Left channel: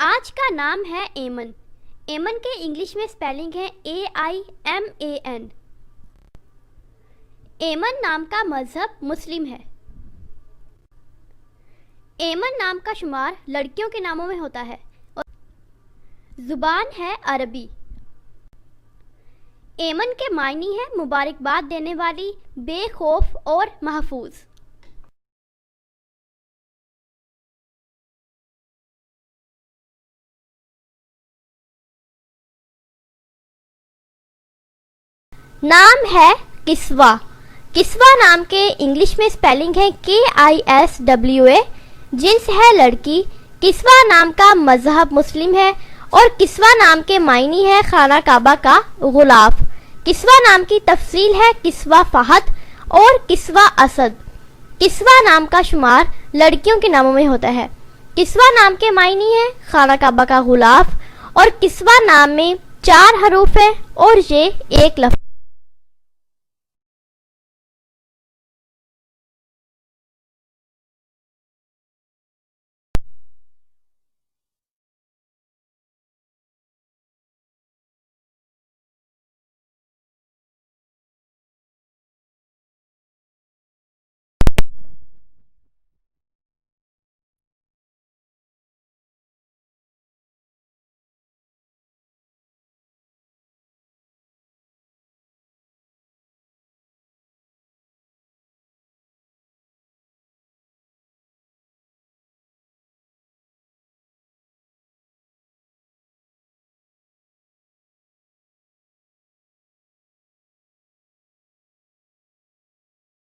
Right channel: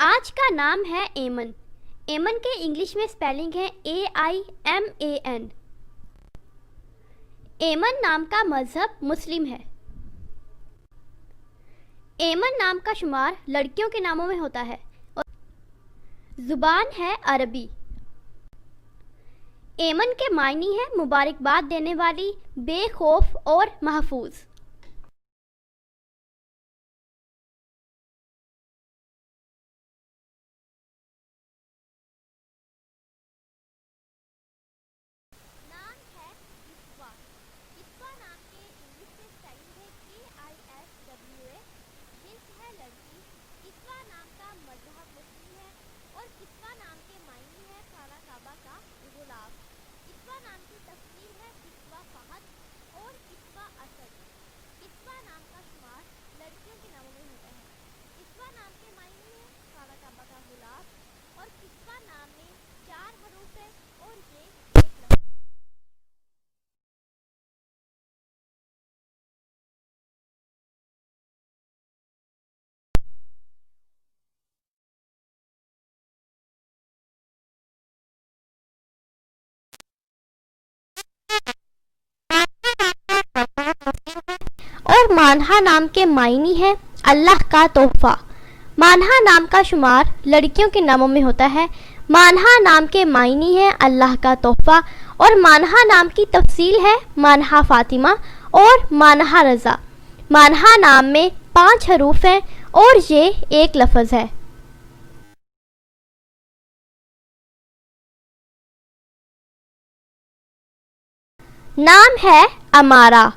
آج کا نام ہے ایمن۔ ایمن کے انگلش میں سپیلنگ ہے AIMAN۔ ایمن نام کا مذہب مسلم ہے۔ ایمن نام کا شمار لڑکیوں کے ناموں میں ہوتا ہے اور زبان ہے عربی۔ ایمن کے معنی ہے مبارکباد دینے والی، بے خوف اور محفوظ۔ نام ہے کسوہ۔ کسوہ نام کے انگلش میں سپیلنگ ہے KISWA۔ جنس ہے لڑکی۔ کسوہ نام کا مذہب مسلم ہے اور کسوہ نام کے معنی ہے خانہ کعبہ کا غلاف۔ کسوہ نام کی تفصیل ہے کسوہ فہد اور کسوہ اسد۔ کسوہ نام کا شمار لڑکیوں کے ناموں میں ہوتا ہے۔ کسوہ نام کے معنی ہے خانہ کعبہ کا غلاف اور کسوہ نام میں 4 حروف ہیں اور یہ ایک لفظ۔ اور مانہا نام کے معنی ہے اللہ کا تحفہ۔ مانہا نام کا شمار لڑکیوں کے ناموں میں ہوتا ہے۔ مانہا نام کے معنی ہے اللہ کا تحفہ اور مانہا نام کی تفصیل ہے مانہا فاطمہ اور مانہا رضا۔ مانہا نام میں 5 حروف ہیں اور یہ ایک لفظ ہے۔ نام ہے امارہ۔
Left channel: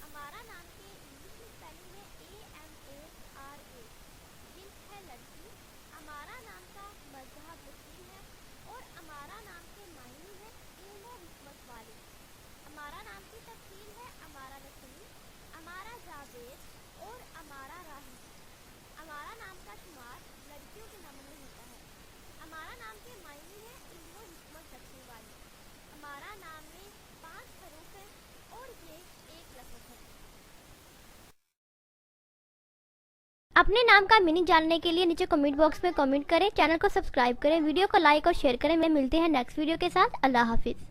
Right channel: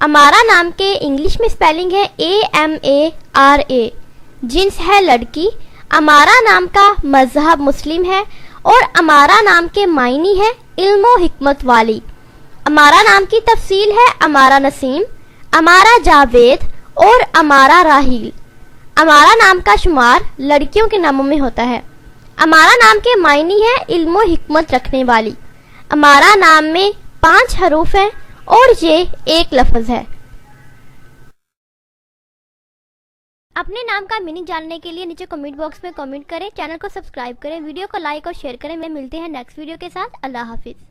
امارہ نام کے انگلش میں سپیلنگ ہے AMARA۔ جنس ہے لڑکی۔ امارہ نام کا مذہب مسلم ہے اور امارہ نام کے معنی ہے علم و حکمت والی۔ امارہ نام کی تفصیل ہے امارہ نسیم، امارہ جاوید اور امارہ راحیل۔ امارہ نام کا شمار لڑکیوں کے ناموں میں ہوتا ہے۔ امارہ نام کے معنی ہے علم و حکمت رکھنے والی۔ امارہ نام میں 5 حروف ہیں اور یہ ایک لفظ ہے۔ اپنے نام کا میننگ جاننے کے لیے نیچے کمنٹ باکس میں کمنٹ کریں، چینل کو سبسکرائب کریں، ویڈیو کو لائک اور شیئر کریں۔ ملتے ہیں نیکسٹ ویڈیو کے ساتھ۔ اللہ حافظ۔